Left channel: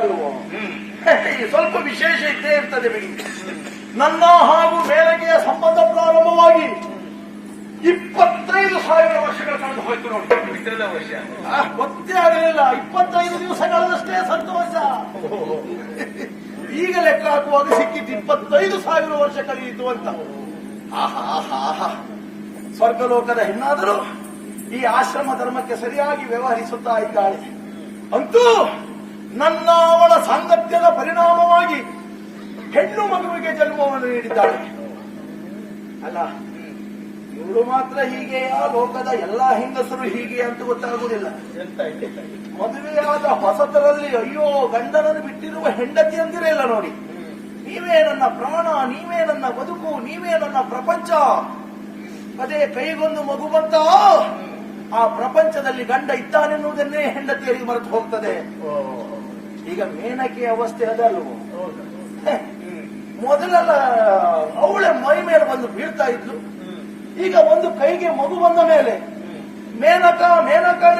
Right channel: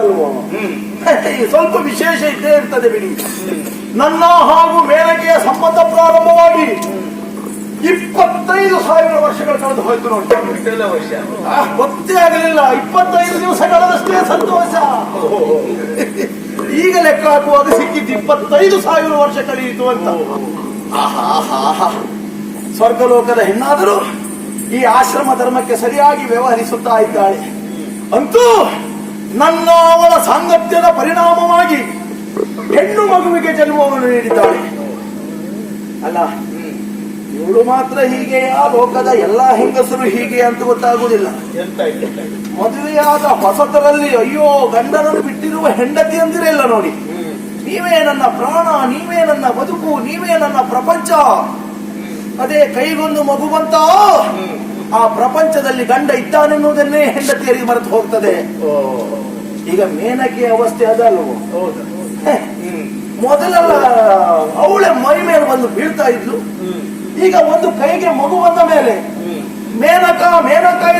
ಅಲ್ವೋ? ಸ್ವಲ್ಪ ವಿಶೇಷ ಇದ್ದೇ ಇರ್ತದೆ ಬಿಡಿ. ನನ್ನ ಹಾಗೂ ಮೇಲಗೆಯ ಸಂಬಂಧ ಪ್ರಾರಂಭವಾಗಿ 25,000 ವರ್ಷಗಳು ಕಳೆದು ಹೋಯ್ತು ನೋಡಿ. ಗೊತ್ತೇ ಆಗಲಿಲ್ಲ. 25 ದಿವಸಗಳಷ್ಟೇ ಸಂತೋಷ. ಈಗ ಲೆಕ್ಕ ಹಾಕುವಾಗ ಸಿಕ್ಕಿದ್ದು 25,000 ವರ್ಷ ಕಳೆಯಿತು ಅಂತ. ಆಹಾ, ಸ್ವರ್ಗಲೋಕದ ಹೆಣ್ಣಾದರೂ ಈ ಆಶ್ರಮ ಧರ್ಮಕ್ಕೆ ಸರಿಯಾಗಿ ವ್ಯವಹರಿಸುತ್ತಾ ಇದ್ದಾಳೆ. ಅಂತೂ ನನ್ನ ಅವಳ ಸಾಂಗತ್ಯದ ಪರಿಣಾಮವಾಗಿ ಹೆಣ್ಣು ಮಗುವಿಗೆ ಜನ್ಮವನ್ನು ನೀಡಿದ್ದಾಳೆ. ಅಲ್ಲ, ಇವಳು ಮಾತ್ರ ಹೀಗೆಯಾ, ಲೋಕದ ಎಲ್ಲಾ ಹೆಂಗಸರು ಹೀಗೆ ಅಂತ ಗೊತ್ತಾಗುವುದಿಲ್ಲ. ಮದುವೆಯಾದ ಹೊಸತರಲ್ಲಿ ಅಯ್ಯೋ ಗಂಡನನ್ನು ಬಿಟ್ಟಿರುವ ಹೆಂಡತಿ ಅಂದಿರಲ್ಲ ನೋಡಿ. ನೀವೇ ನನ್ನ ಪ್ರಾಣ, ನೀವೇ ನನ್ನ ಬದುಕು, ನೀವೇ ನನ್ನ ಪ್ರಪಂಚ. ಅದೇ ಕೈಗೊಂದು ಮಗು ಬಂತ, ಆ ಪ್ರಪಂಚದಲ್ಲಿ ಗಂಡ ಇದ್ದಾನೆನ್ನುವುದನ್ನೇ ಹೆಂಡತಿಯರಿಗೆ ಮರೆತು ಹೋಗ್ತದೆ. ಈಗ ಮೇನಕೆ ಅವಸ್ಥೆ ಅದಲ್ವೋ? ಮೊದಲೆಲ್ಲ ಅವಳೆ ಮೈ ಮೇಲೆ ಬಂದು ಬೀಳ್ತಾ ಇದ್ಲು. ಈಗ ಒಂದು ಕೈಗೆ ಮಗು ಬಂದ ಮೇಲೆ ಮೇನಕ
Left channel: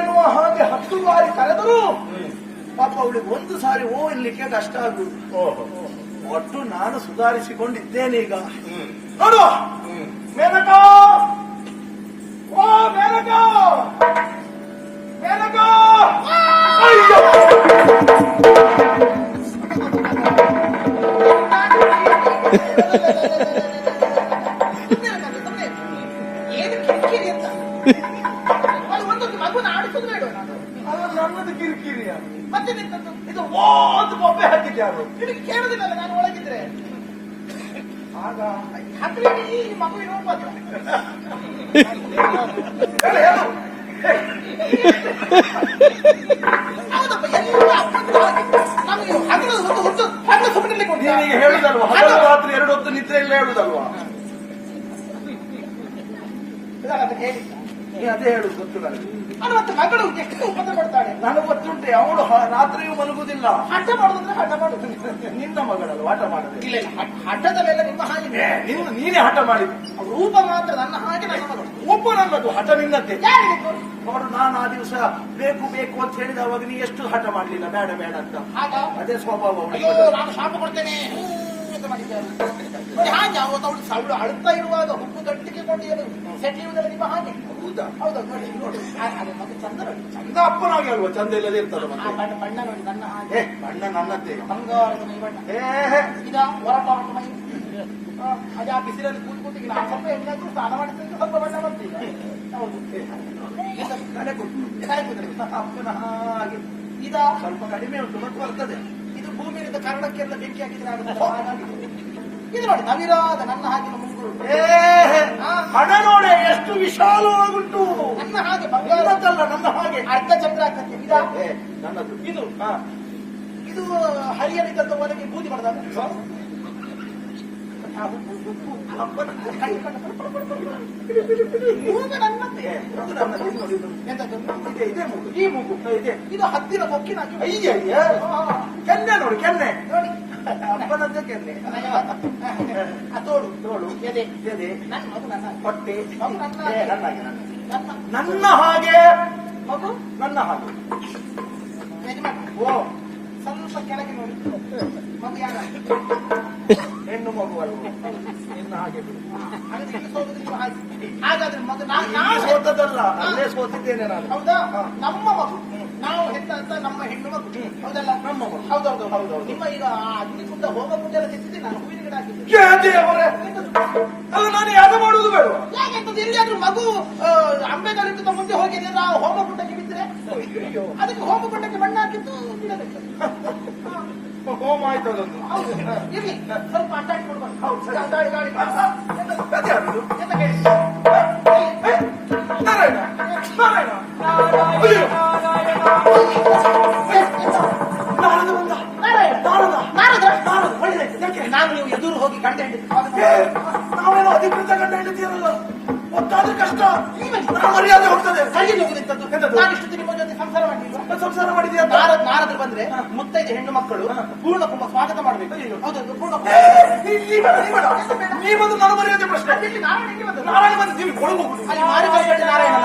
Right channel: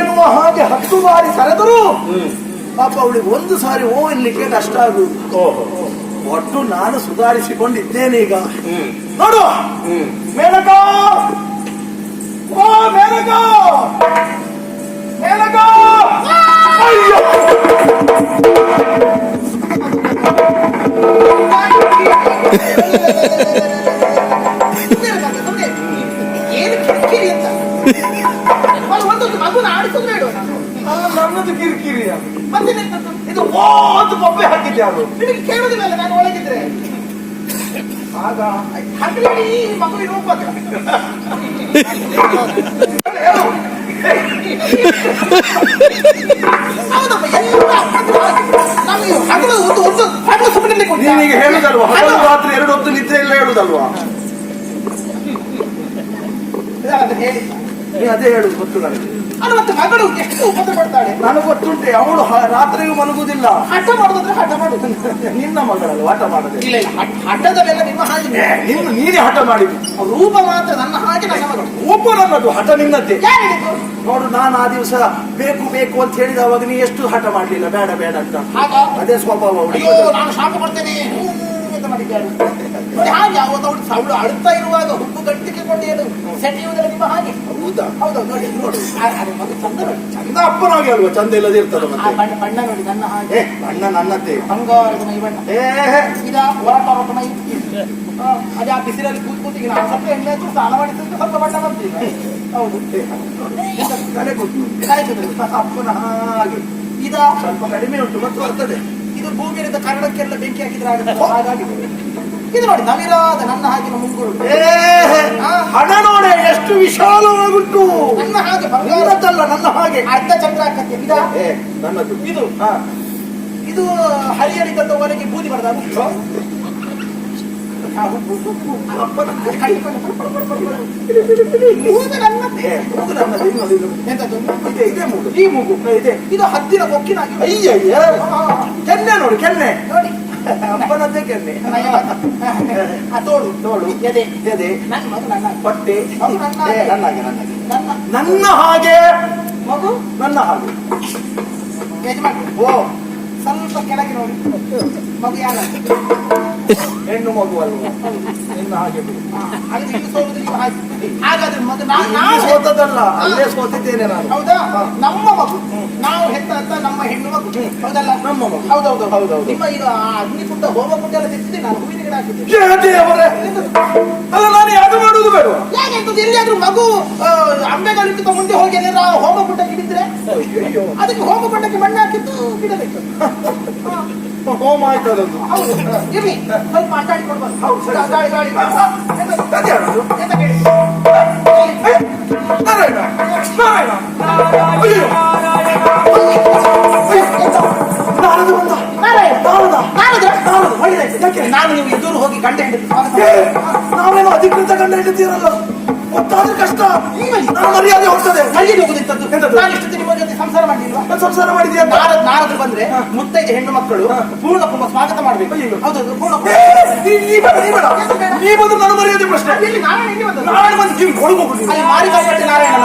ಎನ್ನುವ ಹಾಗೆ 10 ಬಾರಿ ಕರೆದರೂ ಪಾಪ ಅವಳಿಗೆ ಒಂದು ಸಾರಿ ಓ ಎನ್ಲಿಕ್ಕೆ ಕಷ್ಟ ಆಗುವುದು. ಒಟ್ಟು ನಾನು ಸುಧಾರಿಸಿಕೊಂಡಿದ್ದೇನೆ ಈಗ. ನೋಡು ಮೇನಕ, ಓ ಮೇನಕ, ಅಯ್ಯೋ ನನ್ನದು ಕಿರಿಕಿರಿ. ಇದು ಓ ಅಂತ ಕೊಬ್ಬೆ ಹಾಕಿದ್ದೆ. ಅದು ನಿಮಗೆ ಕೇಳುವುದಿಲ್ಲ ನಾನು ಒಳಗಿದ್ರೆ. ಆಗ ಮಗುವಿನ ರೂಪ ನೀನೀಗ ಹೇಳುದಲ್ವಾ, ಹಗಲು ರಾತ್ರಿ 2 ಹೊತ್ತು ನಿದ್ರೆ ಇಲ್ಲ ಹೇಳುದಲ್ವಾ? ಅದೇ ಹೇಳುದು ಗೊತ್ತು ನನಗೆ. ಮತ್ತೆ ಮಗಳು ಎಷ್ಟು ಉಪದ್ರ ಪಡ್ತಾಳೆ ನನಗೆ ಗೊತ್ತುಂಟೆ. ಅವಳು ರಾತ್ರಿಯೂ ಮಲಗುದಿಲ್ಲ. ಹಠ ಮಾಡುದಂದ್ರೆ ಹಠ ಮಾಡುದು. ನಿನ್ನ ಮಗಳಲ್ಲ ಹಠ ಮಾಡುದು. ಇಲ್ಲ, ಹಠದ ಮೇಲೆ ನಿಮ್ಮ ಹಾಗೆ ನೀನೇ ಹಠ ಮಾಡಿದ್ದು. ರೂಪ ಮಾತ್ರ ನನ್ನ ಹಾಗೆ ನನ್ನ ಮಗಳು. ರೂಪ ನನ್ನದು, ಹಠ ನಿನ್ನದ್ದೇ. ನೋಡು, ನಾನು ಆ ದಿವಸ ಬೇಕು ಅಂತ ಹೇಳಿದವಾಗ ನೀ ಎಷ್ಟು ಹಠ ಮಾಡ್ಲಿಲ್ಲ, ಬೇಡ ಅಂತ. ಅದೇ ಸ್ವಭಾವ ಅವಳಿಗೆ. ನಾನು ಶಾಪ ಕೊಡ್ತೇನೆ ಅಂತ ಮಾಡಿದ್ದಾಳೆ ನೋಡಿ. ಹಾಗೆ ಅವಳು ಅಳುತ್ತಾ ಇರುವಾಗ ಹುಬ್ಬು ಗಟ್ಟಿಗೆ ಕೊಂಡು ಸೆಟೆಯುವುದಲ್ಲ ನಿಮ್ಮ ಹಾಗೆ. ಹೌದೌದು ನೋಡಿ ಮಗು ಚಂದ ಅಪ್ಪನಾಗಿ ಅಲ್ವಾ? ಚಂದ ಇಲ್ಲದೆ ಇರ್ತದ. ಬಣ್ಣ ನೋಡಿ ನನ್ನ ಹಾಗೆ. ಬಣ್ಣ ನನ್ನದ್ದೇ, ಬಂಗಾರದ ಮೈ ಬಣ್ಣ. ಹೊರಟ ಮೈ. ಅದೇ ಆ ಬಿಸಿಲಲ್ಲಿ ಕೂತ್ಕೂತಿಗೆ ನಾನು ಸ್ವಲ್ಪ ಎಣ್ಣೆ ಹಚ್ಚಿ ಸ್ನಾನ ಮಾಡಿದ್ರೆ ಸ್ವಲ್ಪ ಬಣ್ಣ ಬರ್ತೀವಿ. ಹೌದು, ಕಲೆ ಕೂತು ಅಪ್ಪನ ಹಾಗೆ. ಇದ ಸ್ವಲ್ಪ ಕಡಿಮೆ ಉಂಟು ಮತ್ತು ಬರ್ತದೆ. ಇದು ಭೂಮಿಯಿಂದ ಕನ್ನಡಕ್ಕೆಲ್ಲ ಬೆಂಕಿ ಹಾಕಿದ್ರೆ ಆಗುತ್ತೆ. ಹಾಗಾಗಿ ಇದು ನೋಡಿ ನವಿರಾದ ನನ್ನ ಹಾಗಿನ ಮುಂಗುರು. ಹಣ ನೋಡಿ ಎಷ್ಟು ವಿಶಾಲವಾಗುಂಟು. ನನ್ನ ಹಾಗೆ ಬಂಗಾರದ್ದಲ್ಲ, ನನ್ನ ಹಾಗೆ ಅರ್ಧ ಚಂದ್ರಾಕತ್ತೆ. ನನ್ನದು ಇದು ಹರಿಯಲಿ ತಂದವರೆಗೆ ಬೂದಿ ಬರದಾಗ ಇದು ಹದ್ದಿನ ಕೊಕ್ಕಿನಾಗಿ. ಅಯ್ಯಯ್ಯ, ಕೆನ್ನೆ ನೋಡಿ, ಕೆನ್ನೆ ನೋಡಿ ಅಪ್ಪನದ್ದೇ ಕೆನ್ನೆ. ತೋಳು ಎದೆ ನನ್ನ ಮಗು, ನನ್ನ ಹೊಟ್ಟೆ ನನ್ನ ಹಾಗೆ ಮಗು, ನನ್ನ ಹಾಗೆ ಯಜಮಾನ. ಓ ಸ್ವಲ್ಪ ಕೆಳಗೆ ನೋಡಿ ಮಗು ಯಾರ ಹೆಣ್ಣು ಮಗು ಅಲ್ವ? ನಿನ್ನ ಹಾಗೆ ಹಾಗಾದ್ರೆ ಮಗು ನಾನು ಸೋತದಲ್ಲ, ಅಲ್ಲೇ ಸೋತಿದ್ದೇನೆ ನಾನು. ಹೌದಾ? ನಮ್ಮ ಮಗು ನಾವು ಹೆತ್ತ ಅಂತ ನಮ್ಮ ಹೆಣ್ಣು ಮಗು. ಹೌದಲ್ಲ? ನಮ್ಮ ಮಗು. ಹೌದೌದು. ನಿಮ್ಮ ಈಗ ಅಗ್ನಿಕುಂಡ ಹೋಮಕುಂಡ ಎಲ್ಲ ತೆಗೆದಿದ್ದೆ ನಾನು, ಹೂವಿನ ಗಿಡ ಹಾಕಿದ್ದೆ. ಅಲ್ಲ, ನಾನು ಯಾಕೆ ಮಾಡುವುದು ಬೇಡ? ಯಾಕೆ ಅಂತ ಎಲ್ಲಿಯಾದ್ರೂ ಮಗು ಅಂಬೆಗಾಲಿಕ್ಕಿಂತ ಮುಂದೆ ಹೋಗಿ ನಾವು ಹೋಮಕುಂಡಕ್ಕೆ ಹಿಡಿದ್ರೆ ಅದಕ್ಕೆ ಹೋಮಕುಂಡಕ್ಕೆ ಮಣ್ಣು ಹಾಕಿದ್ದು ಬಿಡಬೇಕು. ಹೋಮ ಆಯ್ತು ಅದೊಂದು. ಇರ್ಲಿ, ಸ್ವಲ್ಪ ಅಡ್ಡಾಡಿ ಕೊಡ್ಬಾರ್ದು. ನಾನು ನೀವು ಎದುರು ಹೋಗಿ ಗಂಡ ಹೆಂಡತಿ ನಾವೇನು ಅಧಿಕೃತ ಗಂಡ ಹೆಂಡತಿರಲ್ಲ. ಗೊತ್ತಾದ್ರೆ ಕಷ್ಟ. ನಾನು ಮರ್ಯಾದೆ ಹೋಗ್ತದೆ. ಅಲ್ಲಿ ಹೋಗುದಿತ್ತದ್ದು. ನಾನು ಇಷ್ಟೊತ್ತು ನಿಮ್ಮ ಜೊತೆ ಸಂಸಾರ ಮಾಡ್ಲಿಲ್ವಾ? ಸಂಸಾರ ಮಾಡಿದ್ಯಾ? ನಾರದ್ರು ಬಂದ್ರೆ ಮುತ್ತೈದೆ ಹೆಣ್ಣು ಮಕ್ಕಳು ಪೂರ್ಣ ಕುಂಭ ಸ್ವಾಗತ ಮಾಡ್ಬೇಕು. ಹೌದು, ಪೂರ್ಣ ನೀ ಬಂದು ನಾನು ಮರೆಯೋದೇ ಪ್ರಶ್ನೆ. ನಾರಾಯಣ ಬಂದು ನೀವು ಕೊಡಬಹುದು. ಅಲ್ಲಿ ಮಾರಿ ಬರ್ಬಟ್ಟೆ ನಾರಾಯಣ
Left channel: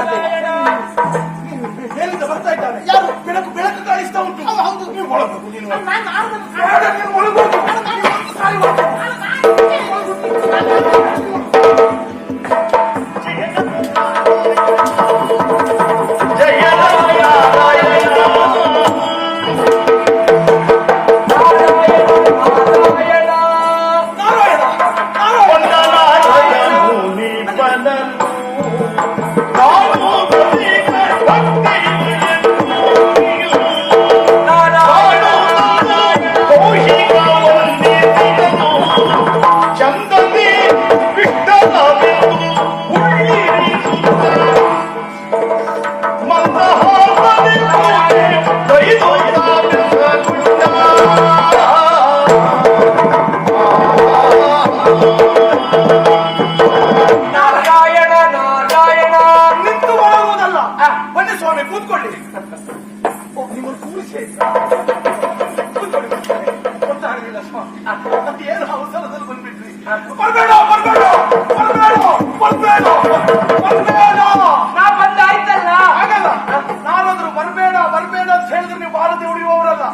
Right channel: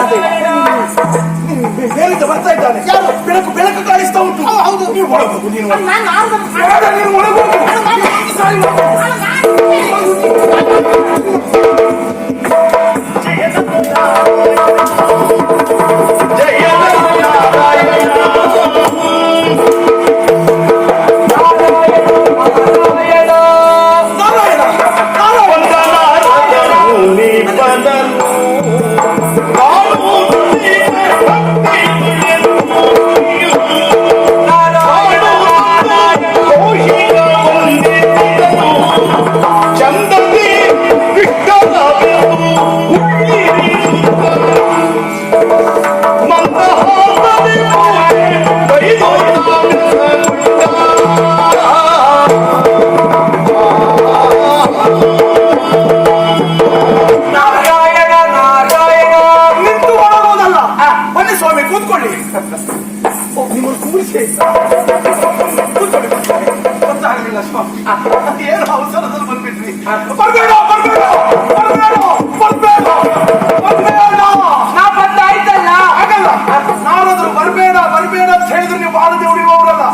ಮೇಲಿಂದ ಬರ್ತಾ ಇದ್ದಾನೆ. ಯಾರು? ಬೆಳಕು ಬೆಳಕು ಕಾಣಿಸ್ತಾ ಉಂಟು. ಹೌದು, ನೀವು ಒಳಗೋಗು. ನೀನು ಏನು ಅವಸರದಲ್ಲಿ ಬಂದ್ಬಿಟ್ರಿ? ಬರ್ಬೇಡ ಬರ್ಬೇಡ ಬರ್ಬೇಡ ಬರ್ಬೇಡ ನಾ ಬಂದ ಆಯ್ತಲ್ಲ. ಆಗಲ್ಲ, ನಾನಾದ್ರೂ ಬರ್ಬೇಡ ಬರ್ಬೇಡ ಅಂತ ಹೇಳಿದ್ರೆ ನೀವು ಬಾರದೆ ಉಳಿಯುವವರಲ್ಲ.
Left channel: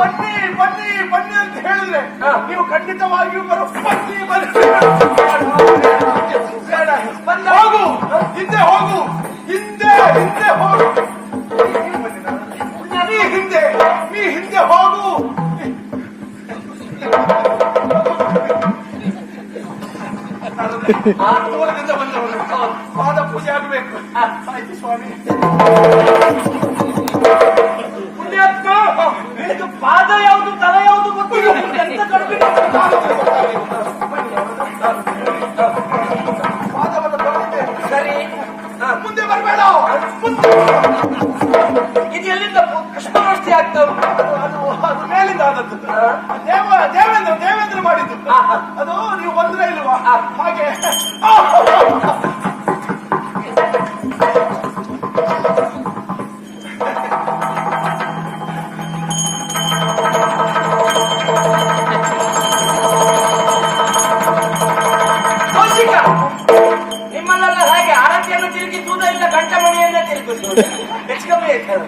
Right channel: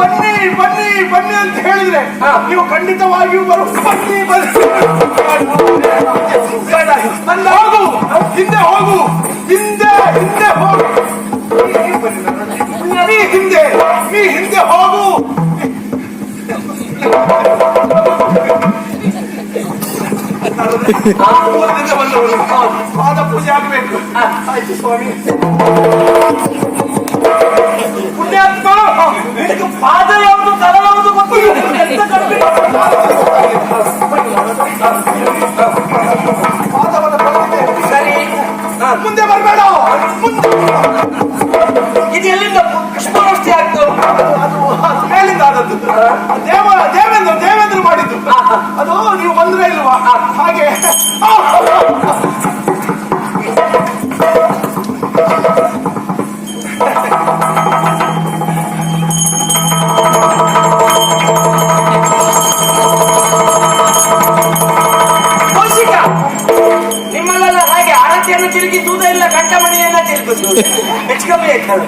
ಬನ್ನಿ ಬನ್ನಿ ಬನ್ನಿ ಅಂತ ಹೇಳಿದ್ರೆ ನೀವು ಖಂಡಿತವಾಗಿಯೂ ಬನ್ನಿ ಬನ್ನಿ. ಬೇಡ, ನನ್ನ ಹೋಗು, ಹಿಂದೆ ಹೋಗು, ಹಿಂದೆ ಹಿಂದೆ ಹೋಗು. ನೀ ಹಿಂದೆ, ನೀ ಹಿಂದೆ ಹೋಗು. ಪಾದ ಪೂಜೆ ಆಗಬೇಕು. ಆಯ್ತು ಸ್ವಾಮಿ. ಪುಣ್ಯಾತ್ಮ, ಪಾದ ಯಾವುದು ತಲೆ ಯಾವುದು ಗೊತ್ತಿಲ್ಲ. ಪಾದವನ್ನು ಬರೆದಿದೆ. ಸರಿ, ಮುಂದೆ ಬರಬೇಡ. ಇದು ಎಲ್ಲಿಂದ ಕೃಷ್ಣಾವಸ್ಥೆ ಆಗ್ತಾ ಉಂಟು? ಅದು ಮೇಲಿಂದ ಆದದ್ದು. ದೇವೇಂದ್ರ ಮಾಡಿದ್ದು ಅದು. ನೀವು ಬಂದ್ರೆ ಇಲ್ವಾ? ಹಾಗೆ ನಿಮ್ಮಲ್ಲೆಲ್ಲ ಹಾಗೆ ಆರತಿಯನ್ನು ತಿರುಗಿಸುವುದಿಲ್ಲ, ಗಂಟಮಣಿಯನ್ನ ತಿರುಗಿಸುವುದು. ಹೆಚ್ಚು ಕಮ್ಮಿ ಆಯ್ತದೆ.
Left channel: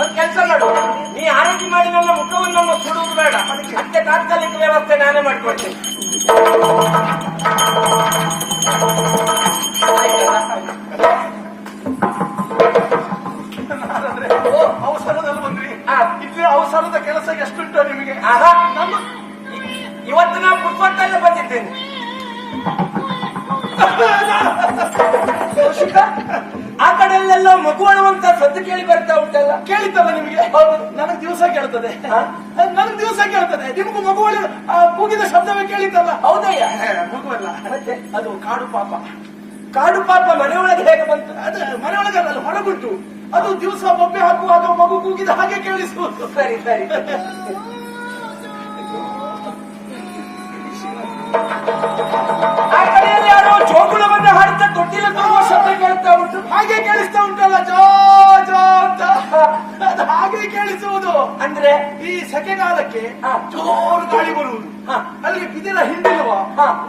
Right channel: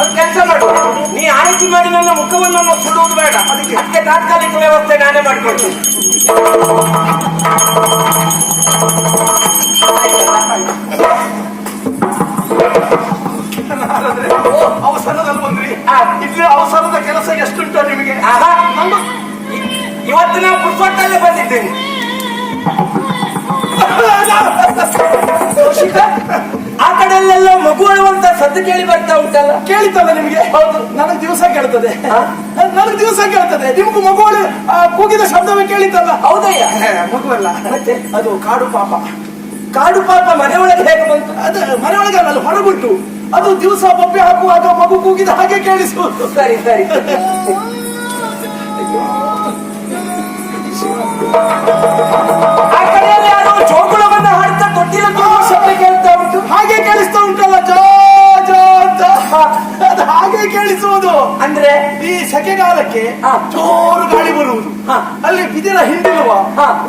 ಒಂದ್ ಕೆಲಸ ಮಾಡು, ನೀ ಆರತಿ ಮಾಡಿ ನನ್ನ ಮುಖವನ್ನು ಸುಡುವುದು ಬೇಡ. ಅದಕ್ಕೆ ತಾತ್ಕಾಲಿಕ ವ್ಯವಸ್ಥೆ ನಾನೇ ಮಾಡ್ಕೊಳ್ತೀನಿ. ಅವಸರದಲ್ಲಿ ಬಂದ್ರಿ. ಇಲ್ಲೇ ಅವಸರದ ಕೆಲಸ ಎಷ್ಟುಂಟು ನಿಮಗೆ? ಇವತ್ತು ನಾವು ಪುಷ್ಪತ್ತಲ್ಲೇ ಬಂದಿದ್ದೇನೆ. ಆ ಕಡೆಯಲ್ಲೆಲ್ಲ ಮಗು ಅಳುವಂತ ಸದ್ದು ಕೇಳಿ ಬರ್ತಾ ಉಂಟಲ್ಲ? ಕೇಳಿತಲ್ಲ ನಿಮಗೆ? ಹೌದು, ನನಗೆ ದಿವಸ ಕೇಳ್ತದೆ. ನನಗೆ ದಿವಸ ಕೇಳ್ತದೆ. ನಿಮಗೂ ಮಗುಗಳು ಕೂಗಿದ ಶಬ್ದವೇ ಕೇಳಿತಲ್ಲ? ಹೌದಯ್ಯ, ಮಗುವಲ್ಲ, ಮತ್ತೆ ಅದು ಕಾಡು ಪಾಪ. ಕಾಡು ಪಾಪ ಮನೆಯೊಳಗೆ ಹೇಗೆ ಬಂತು? ಅದು ಮನೆಯೊಳಗಲ್ಲ, ಅಲ್ಲಿ ಹೊರಗುಂಟು. ಅದು ದಿವಸ ಬೊಬ್ಬೆ ಹಾಕುವಾಗ ಮಗು ಕೂಗಿದ ಹಾಗೆ ಕೇಳಿಸುವುದು. ಸರಿ ಸರಿ. ಆ ಕಡೆಯಲ್ಲಿ ಯಾರೋ ಜೋಗುಳವನ್ನು ಹಾಡ್ತಾ ತೊಟ್ಟಿಲ ತುಂಬುವ ಶಬ್ದ ಕೇಳ್ತಾ ಉಂಟು. ಹಾಗೆ ಕೇಳಿಸ್ತಾ ಉಂಟಲ್ಲ, ಜೋ ಜೋ ಅಂತ. ಅದು ಹಾಗೆ ಕೇಳಿಸುವುದು. ಅಂದ್ರೆ ಈ ಸೆಕೆಗಾಲಕ್ಕೆ ಜೋರು ಗಾಳಿ ಬರುವುದು. ಅಲ್ಲಿ ಬಿದಿರ ಹಿಂದಿರುವ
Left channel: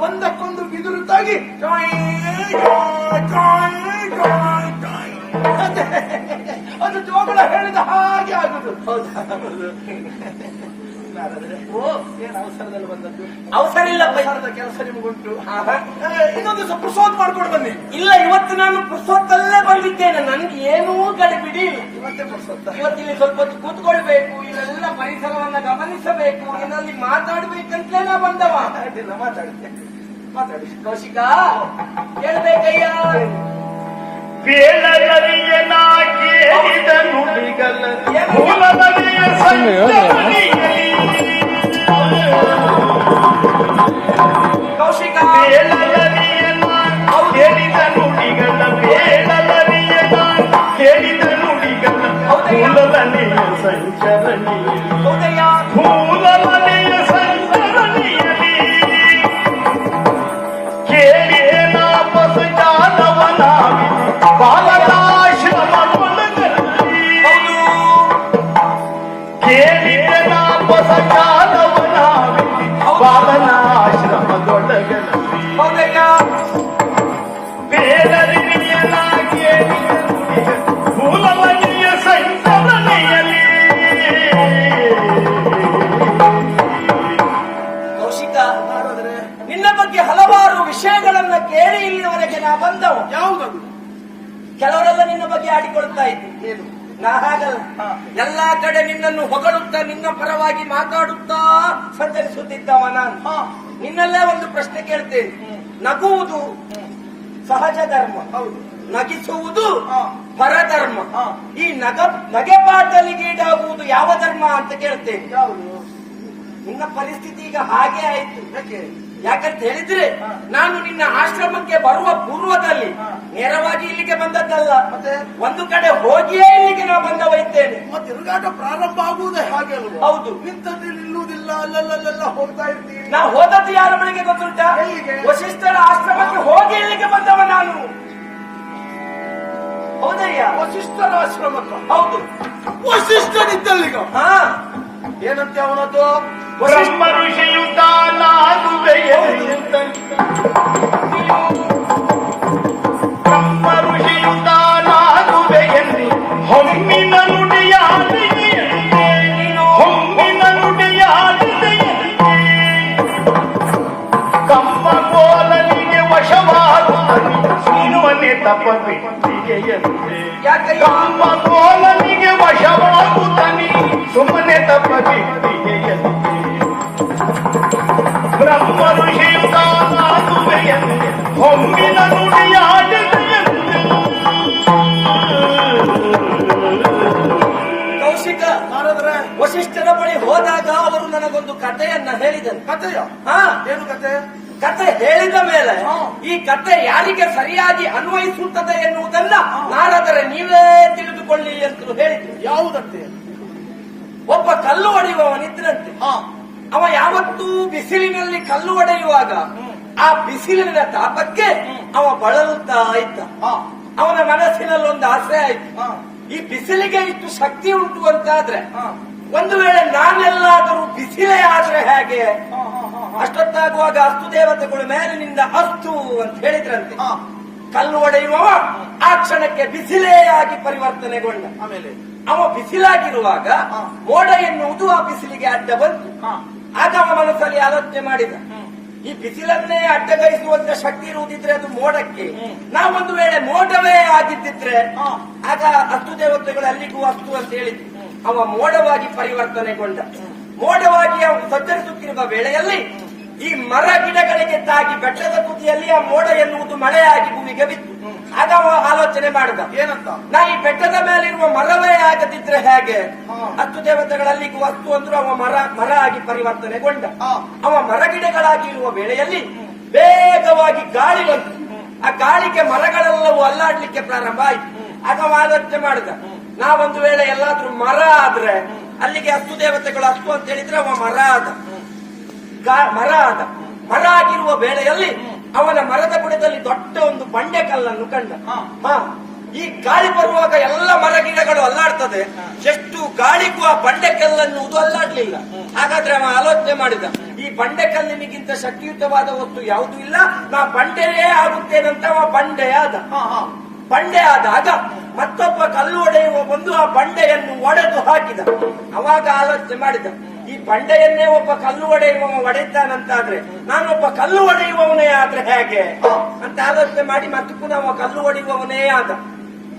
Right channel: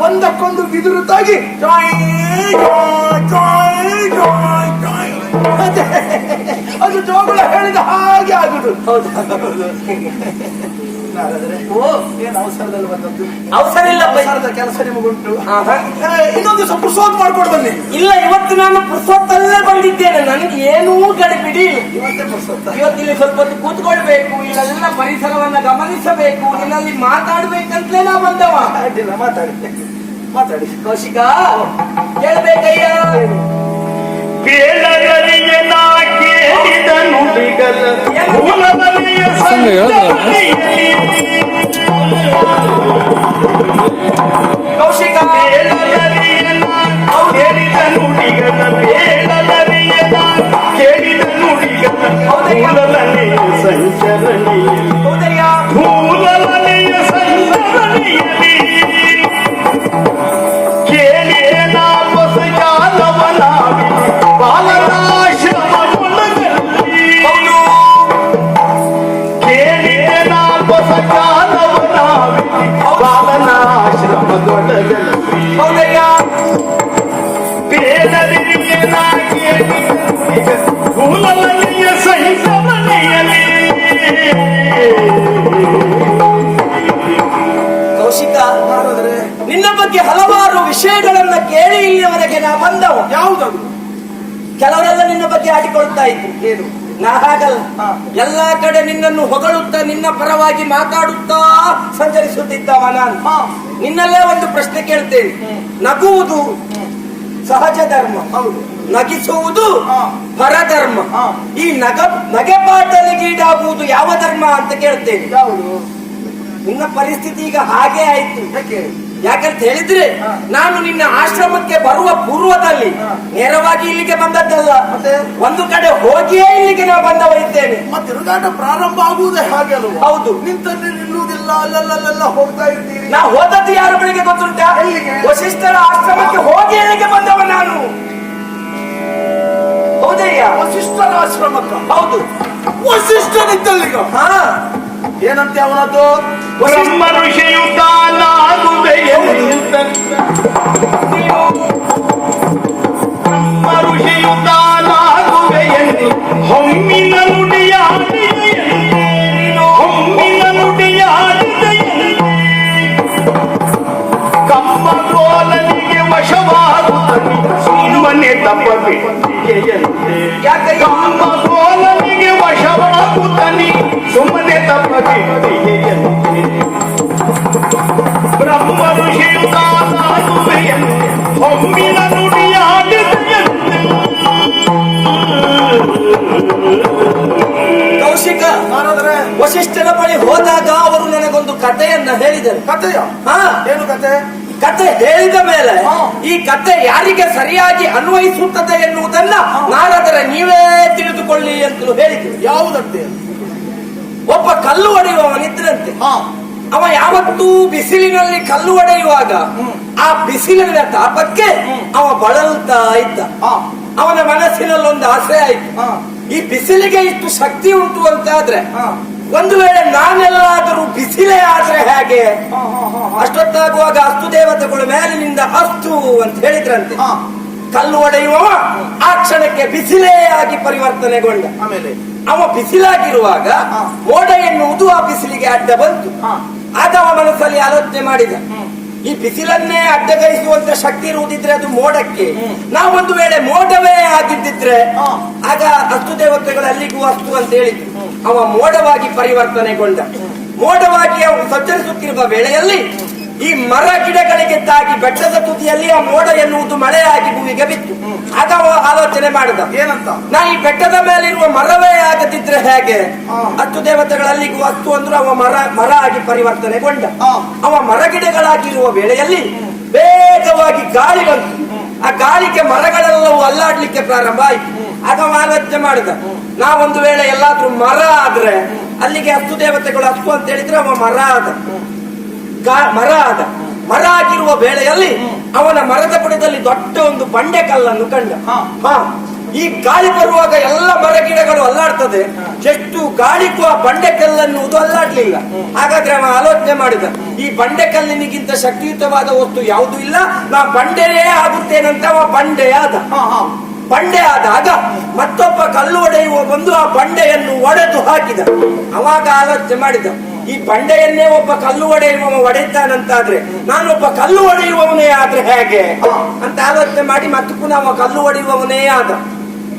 ಒಂದಕ್ಕೊಂದು ಬಿದಿರುತ್ತಾಗಿ ಅದು ಜೋಗುಳ ಹೇಳಿದ ಹಾಗೆ ಆಗುದು. ಹೌದು, ಏನು ಅವಸರದಲ್ಲಿ ಬಂದದ್ದು? ಅವಸರ ಇಲ್ಲ, ಅವಸರದ ಕೆಲಸ ನಿಮಗುಂಟು. ಇನ್ನೊಂದು ದಿವಸ ಪುರ್ಸೋತ್ ಮಾಡ್ಕೊಂಡು ಬನ್ನಿ. ಇಲ್ಲ, ಇವತ್ತು ನಾನು ಪುರ್ಸೋತ್ತಲ್ಲೇ ಬಂದಿದ್ದೇನೆ. ನನಗೆ ಏನೂ ಗಡಿಬಿಡಿ ಇಲ್ಲ. ಇವತ್ತೇ ಪುರ್ಸೋತ್ತ. ಇವತ್ತಿಲ್ಲಿ ಸ್ವಲ್ಪ ಹೊತ್ತು ಕೂತ್ಕೊಳ್ಬೇಕು, ಇಲ್ಲೆಲ್ಲ ಪರಿಸರವನ್ನ ಗಮನಿಸಬೇಕು, ಇಲ್ಲಲ್ಲಿ ಮಾತಾಡ್ಬೇಕಂತಲೇ ನಾ ಬಂದವ. ಅಡ್ಡಿಲ್ಲ, ಮಾತಾಡಿ ಮಾತಾಡಿ. ಕೌಶಿಕ, ಕೇಳ್ಬೇಕಯ್ಯ. ಕೌಶಿಕ, ಕೇಳಿದ ನುಡಿಗನ ಬೇಡಲರಿಯನ ಕೇಳಿದ ನುಡಿಗನ ಮೂಲಲನೆಯ ಸಂಚರಣಿ. ಹೌದಯ್ಯ, ಮೂಲಲನೆಯ ಸಂಚರಣೆಯಲ್ಲಿ ಬಂದವ. ಯಾವುದದು? ಕೆಲವರೆಲ್ಲ ನಿನ್ನ ಬಗ್ಗೆ ಆಡಿಕೊಳ್ತಾ ಇದ್ರು. ಏನು? ನಾ ಹಾಗಲ್ಲ. ಎಲ್ಲಾ ಕಡೆ ನಿನ್ನನ್ನು ಹೊಗಳುತ್ತಾ ನಿನ್ನ ಪರವಾಗಿ ಮಾತಾಡುತ್ತಾ ಸಂಚರಿಸುತ್ತಿದ್ದವ ನಾನು. ನಿನ್ನಲ್ಲೇ ಒಂದು ಪ್ರಶ್ನೆ ಕೇಳ್ತೇನೆ. ನಗುವುದು ಸಹಜ ಧರ್ಮ, ನಗಿಸುವುದು ಪರಧರ್ಮ. ಈ ನಗೆಪಾಟಲಿಗೀಡಾಗುವುದು ಯಾವ ಧರ್ಮ ಅಂತ ಕೇಳ್ತೇನೆ. ನಿನ್ನ ಪರಿಸ್ಥಿತಿ ಈಗ ಹಾಗೆ ಆಯ್ತು. ಯಾಕಂತ ಹೇಳಿದ್ರೆ ನಾನು ನಿನ್ನ ಆಶ್ರಮಕ್ಕೆ ಬರುವ ಪೂರ್ವದಲ್ಲಿ ನೇರವಾಗಿ ಇಲ್ಲಿಗೆ ಬಂದದ್ದಲ್ಲ, ಮತ್ತೆ ಒಂದು ಕಡೆ ಹೋಗಿಯೇ ಇಲ್ಲಿಗೆ ನಾವು ಬಂದವ ಇದ್ದೇನೆ. ತಿರುಗಾಟ ಪ್ರಾರಂಭ ಆಗುವುದೇ ಹಾಗೆ ಅಲ್ವ? ಹೌದು. ನಿಂತಲ್ಲಿ ನಿಲ್ಲುವುದಿಲ್ಲ, ಅಲ್ಲಲ್ಲ ಹೋಗ್ತಾ ಇರ್ತೀರಿ. ನಾ ಹೋದದ್ದು ಯಾರ ಬಳಿಗೆ ಗೊತ್ತುಂಟಾ? ವಸಿಷ್ಠರ ಆಶ್ರಮಕ್ಕೆ ಹೋಗಿ ಇಲ್ಲಿಗೆ ಬಂದವ ನಾನು. ಹೌದಯ್ಯ, ವಸಿಷ್ಠರ ಆಶ್ರಮಕ್ಕ? ಹೌದು. ವಸಿಷ್ಠನಿದ್ದಲ್ಲಿಗ? ಹಾ. ಏನಂತೆ ಅವನದ್ದು? ಬ್ರಹ್ಮ ಋಷಿಯುತಾನಾಗುವೆಯೆಂದು ಹೊಮ್ಮಿನ ನುಡಿಯಾಡಿದೆಯಂತೆ ಕಮ್ಮ ಕೋಲನಿಗೆ ವಶವಾಗುತ್ತದೆ ಸುಮ್ಮನೆ ತಪ್ಪಬಿಟ್ಟಿದೆಯಂತೆ. ಕಮ್ಮ ಕೋಲನಿಗೆ ವಶವಾಗುತ್ತಾನೆ ಸುಮ್ಮನೆ ತಪ್ಪಬಿಟ್ಟಿದೆಯಂತೆ. ಬ್ರಹ್ಮ ಋಷಿಯುತಾನಾಗುವೆಯೆಂದು ಹೊಮ್ಮಿನ ನುಡಿಯಾಡಿದೆಯಂತೆ. ಕೌಶಿಕ, ವಸಿಷ್ಠನ ಬಳಿ ಹೋದಾಗ ಅವರು ನನಗೊಂದು ಕಥೆಯನ್ನ ಹೇಳಿದರು. ಕಥೆಯ? ಏನು ಕಥೆ? ಕತೆ ಹೇಳಿದ ಮೇಲೆ ಈ ಕತೆ ಯಾರಿಗೆ ಸರಿಯಾಗಿ ಅನ್ವಯಿಸುತ್ತದೆ ಎನ್ನುವುದನ್ನ ನಾನಾದರೆ ನೀವೇ ತಿಳಿದುಕೊಳ್ಳಿ ಅಂತಲೂ ಹೇಳಿದ್ರು. ಯಾವುದಂತೆ? ಒಬ್ಬ ಕಲ್ಲು ಹೊಡೆಯುವವನಿದ್ದನಂತೆ. ಅವ ಯಾವತ್ತೂ ಬಿಸಿಲಿನಲ್ಲಿ ಕಲ್ಲು ಹೊಡೆಯುವಾಗ ಆ ಬಿಸಿಲಿನ ತಾಪಕ್ಕೆ ಅವ ಬಳಲ್ತಾ ಇದ್ದ. ಅವನ ಮನಸ್ಸಿನಲ್ಲಿ ಒಂದು ಆಸೆ ಆಯ್ತು, ಈ ಬಿಸಿಲಿಗೆ ಇಷ್ಟು ಶಕ್ತಿ ಉಂಟು ಅಂತಾದ್ರೆ ಒಂದು ವೇಳೆ ನಾನೆಲ್ಲಾದರೂ ಬಿಸಿಲೇ ಆದ್ರೆ ಹೇಗೆ? ಅಷ್ಟೊತ್ತಾಗುವಾಗ ಅಸ್ತು ದೇವತೆಗಳು ಮೇಲಿನಿಂದ ಅಸ್ತು ಅಂತ ಹೇಳಿದ್ರಂತೆ. ಕಲ್ಲು ಹೊಡೆಯುವವ ಆ ಕ್ಷಣಕ್ಕೆ ಬಿಸಿಲೇ ಆಗಿ ಪರಿವರ್ತನೆಗೊಂಡ. ಆಮೇಲೆ ಅವ ಬಿಸಿಲಾಗಿರುವಾಗ ಮೋಡ ಎನ್ನುವುದು ಆ ಬಿಸಿಲಿಗೆ ಅಡ್ಡ ಬಂತು. ಆಗ ಅವ ಮನಸ್ಸಲ್ಲಿ ಆಲೋಚನೆ ಮಾಡಿದ, ಈ ಬಿಸಿಲನ್ನೇ ಅಡ್ಡಗೈಸುವಂತ ಶಕ್ತಿ ಇರುವುದಿದ್ರೆ ಅದು ಮೋಡಕ್ಕೆ, ನಾವೊಂದು ವೇಳೆ ಮೋಡವೇ ಆಗಿದ್ದಿದ್ರೆ ಆಗ ಅಸ್ತು ದೇವತೆಗಳು ಅಲ್ಲಿಗೂ ಅಸ್ತು ಅಂತ ಹೇಳಿದ್ರು. ಅವ ಮೋಡವಾಗಿ ಪರಿವರ್ತನೆಗೊಂಡ. ಮೋಡವಾಗಿ ಅವನು ಸಂಚರಿಸುತ್ತಿರುವ ವೇಳೆಯಲ್ಲಿ ಈ ಮರ ಗಿಡಗಳಿಗೆ ತಾಗಿ ಬೆಟ್ಟದ ತುದಿಯಲ್ಲಿ ಆ ಮೋಡ ಎನ್ನುವುದು ಮಳೆಯಾಗಿ ಭೂಮಿಗೆ ಬಿತ್ತು. ಆಗ ಅವ ಆಲೋಚನೆ ಮಾಡಿದ, ಏನಂತ? ನಾ ಈ ಬೆಟ್ಟದ ಮೇಲಿರುವ ಮರವೇ ಆಗದಿದ್ರೆ ಹೇಗೆ? ಅಸ್ತು ದೇವತೆಗಳಲ್ಲಿಗೂ ಅಸ್ತು ಅಂದ್ರು ಅವ ಮರ ಆಗಿ ಪರಿವರ್ತನೆಗೊಂಡ. ಅವ ಮರ ಗಿಡಗಳಾಗಿರುವ ವೇಳೆಯಲ್ಲಿ ವೇಗವಾಗಿ ಗಾಳಿ ಬಂತು. ಆ ಗಾಳಿಗೆ ಮರಗಳೆಲ್ಲವೂ ಅಲ್ಲಾಡ್ಲಿಕ್ಕೆ ಪ್ರಾರಂಭ ಆಯ್ತು. ಆಗ ಅವ ಆಲೋಚನೆ ಮಾಡಿದ, ನಾವೊಂದು ವೇಳೆ ಎಲ್ಲಾದ್ರೂ ಮರ ಆದ್ರೆ ಅಲ್ಲಿಗೆ ಅಸ್ತು ದೇವತೆಗಳು ಅಸ್ತು ಅಂತ ಹೇಳಿದ್ರೆ ಅವ ಮರ ಆದ. ಮರ ಆಗಿರುವ ವೇಳೆಯಲ್ಲಿ ಅವನ ಮರದ ಬುಡದಲ್ಲಿ ದೊಡ್ಡ ಒಂದು ಬಂಡೆ ಕಲ್ಲನ್ನು ಕಂಡ. ಈ ಗಾಳಿ ಬರುವಾಗ ಎಲ್ಲ ಮರ ಗಿಡಗಳು ಅಲ್ಲಾಡ್ತದೆ, ಎಷ್ಟು ಗಾಳಿಗೂ ಆ ಬಂಡೆ ಕಲ್ಲನ್ನುವುದು ಅಲ್ಲಾಡ್ಲಿಲ್ಲ. ಹಾಗಾದ್ರೆ ಅವ ಆಲೋಚನೆ ಮಾಡಿದ, ಈ ಬಂಡೆ ಕಲ್ಲಿನಿಗಿಂತ ಶಕ್ತಿಯುತವಾದ ವಸ್ತು ಯಾವುದೂ ಇಲ್ಲ, ನಾ ಬಂಡೆಯೇ ಆಗುತ್ತೇನಂತ ಅವ ಬಂಡೆ ಆದಾಗ ಮತ್ತೊಬ್ಬ ಕಲ್ಲು ಹೊಡೆಯುವ ಬಂದು ಆ ಬಂಡೆಯನ್ನು ಒಡೆದು ಹಾಕಿದ. ಅವಾಗ ಆಲೋಚನೆ ಮಾಡಿದ, ಈ ಬಂಡೆಯನ್ನೇ ಒಬ್ಬ ಕಲ್ಲು ಹೊಡೆಯುವವ ಒಡೆಯುತ್ತಾನಂತಾದ್ರೆ ನಾನೊಬ್ಬ ಕಲ್ಲು ಹೊಡೆಯುವವನೇ ಆದ್ರೆ ಹೇಗೆ ಅಂತ ಆಲೋಚನೆ ಮಾಡಿ ಮತ್ತೆ ಪುನಃ ಅವ ಕಲ್ಲು ಹೊಡೆಯುವವನೇ ಆದ.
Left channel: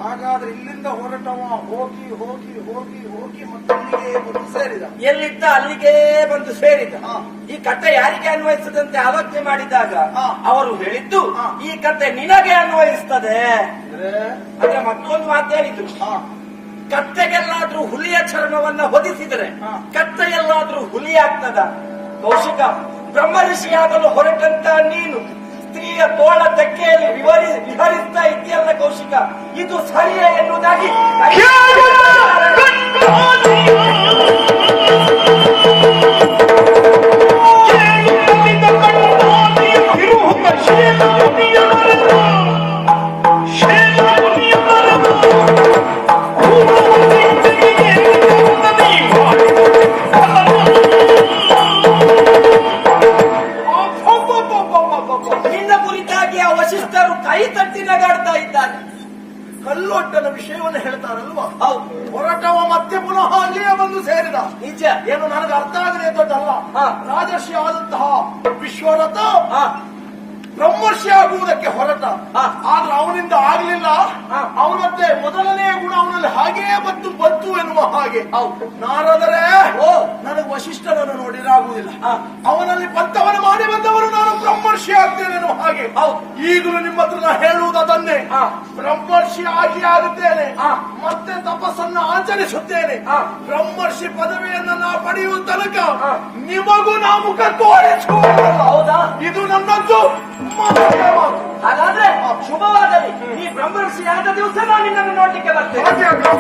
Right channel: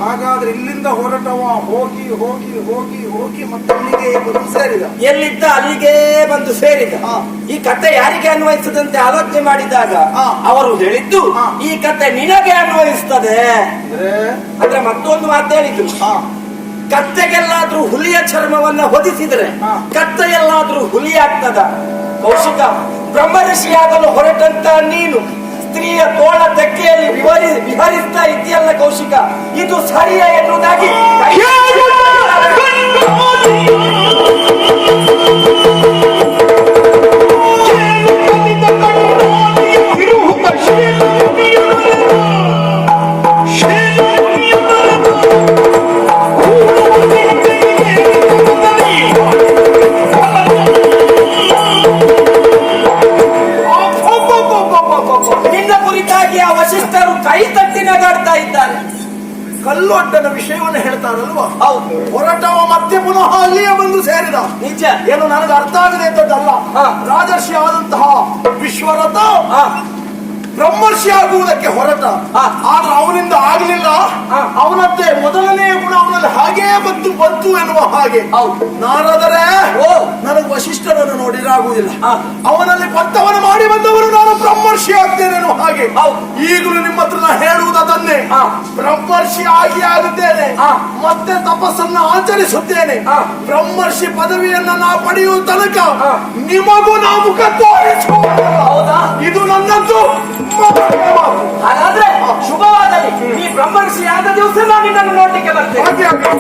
ಹಾಗಾದ್ರೆ ಇಲ್ಲಿಂದ ಹೊರಟವ ಹೋಗಿ ಹೋಗಿ ಹೋಗಿ ಹೋಗಿ ಮತ್ತೆ ಅಲ್ಲಿಗೆ ಬಂದು ಸೇರಿದ. ಎಲ್ಲಿದ್ದ ಅಲ್ಲಿಗೆ ಬಂದು ಸೇರಿದ. ಈ ಕಥೆ ಯಾರಿಗೆ ಅನ್ವಯಿಸದಂತೆ ಆಲೋಚನೆ ಮಾಡಿದಾಗ ಅವರು ಹೇಳಿದ್ದು, ಈ ಕಥೆ ನಿನಗೆ ಅನ್ವಯಿಸ್ತದೆ ಅಂದ್ರೆ ಮತ್ತೊಂದು ಮಾತು ಹೇಳಿದ್ರು, ಕತ್ತೆಗೆಲ್ಲಾದ್ರೂ ಹುಲಿಯ ಚರ್ಮವನ್ನ ಹೊದಿಸಿದ್ರೆ ಕತ್ತೆ ಎಲ್ಲಾದ್ರೂ ಹುಲಿ ಆಗ್ತದ? ಕೌಶಿಕ, ಬ್ರಹ್ಮಋಷಿಯಾಗಲು ಹೊರಟಂತ ನೀನು ಸ್ತ್ರೀಯ ತೋಳ ತೆಕ್ಕೆಯಲ್ಲಿ ವಿಹರಿಸ್ತಾ ಇದೆಯಲ್ಲ ಕೌಶಿಕ, ಇದು ಸರಿಯ ಎನ್ನುವುದಾಗಿ ನಿನ್ನ ಕುರಿತಾಗಿ ಆ ವಸಿಷ್ಠರು ಕೈ ತಟ್ಟಿ ನಗಾಡ್ತಾ ಇದ್ದಾರೆ. ಕಲ್ಲೊಡ್ಡನ ವಿಷಯವನ್ನು ಹೇಳ್ತಾರಲ್ವಾ? ಹೌದು. ಹೊರಟವ ಮತ್ತೆ ಪುನಃ ಅಲ್ಲಿಯೇ ಬಂದು ಸೇರಿದ. ನಿಜ. ಏನು ನನಗೆ ಅರ್ಥ ಆಗಿದೆ ಎಂತದ್ದಲ್ಲ. ರಾಜರ್ಷಿ ಆದಂತಹ ವಿಶ್ವರಥ ಬ್ರಹ್ಮರ್ಷಿ ಆಗುವುದಕ್ಕೆ ಹೊರಟ ಹಾ. ಆದ್ರೆ ಅವನಿಂದ ಆಗಲಿಲ್ಲ. ಹಾ. ಅವನದ್ದೇ ಮೊದಲನೆಯ ಗುಣ ಅವನಲ್ಲಿ ಹಾಗೇ ಬಂತು ಎನ್ನುವ ಹಾಗೆ. ಹೌದು. ನಾನಾದರೆ ಓ. ನನಗೆ ವಶಿಷ್ಠನನ್ನು ನೋಡಿರಾಗುವುದಿಲ್ಲ. ಹಾ. ಅವನಲ್ಲಿ ಪಂಥವನ್ನು ಮಾಡಿ ಬಂದವರು ನಾನು ಬ್ರಹ್ಮರ್ಷಿ ಆಗ್ತೇನೆ ಎನ್ನುವ ಹಾಗೆ. ಹೌದು. ಈಗಲೂ ನಿಮ್ಮ ಹತ್ರ ನಾ ಹೇಳುವುದನ್ನೇ. ಹಾ. ಬ್ರಹ್ಮರ್ಷಿ ಆಗುತ್ತೇನೆ. ಹಾ. ಮತ್ತೆ ತಪಸ್ಸನ್ನು ಆಚರಿಸುತ್ತೇನೆ. ಹಾ. ಬ್ರಹ್ಮರ್ಷಿ ಪದವಿಯನ್ನು ನಾ ಪಡೆಯುವ ತನಕ ಹಾ. ನಿಮಗೂ ನಾ ಮುಖ ತೋರಿಸುವುದಿಲ್ಲ. ಹೌದಾ? ಇದು ನನ್ನದ್ದು ಮಾತಿನ ಮಾತು. ಹಾಗಾದ್ರೆ ಶುಭವಾಗಲಿ. ಈ ಬ್ರಹ್ಮರ್ಷಿ ಆದ ದಿವಸ ನಾನು ನಿನ್ನನ್ನು ನೋಡ್ಲಿಕ್ಕೆ ಬರ್ತೇನೆ. ಹಾಗೆ ಆಗಲಿ.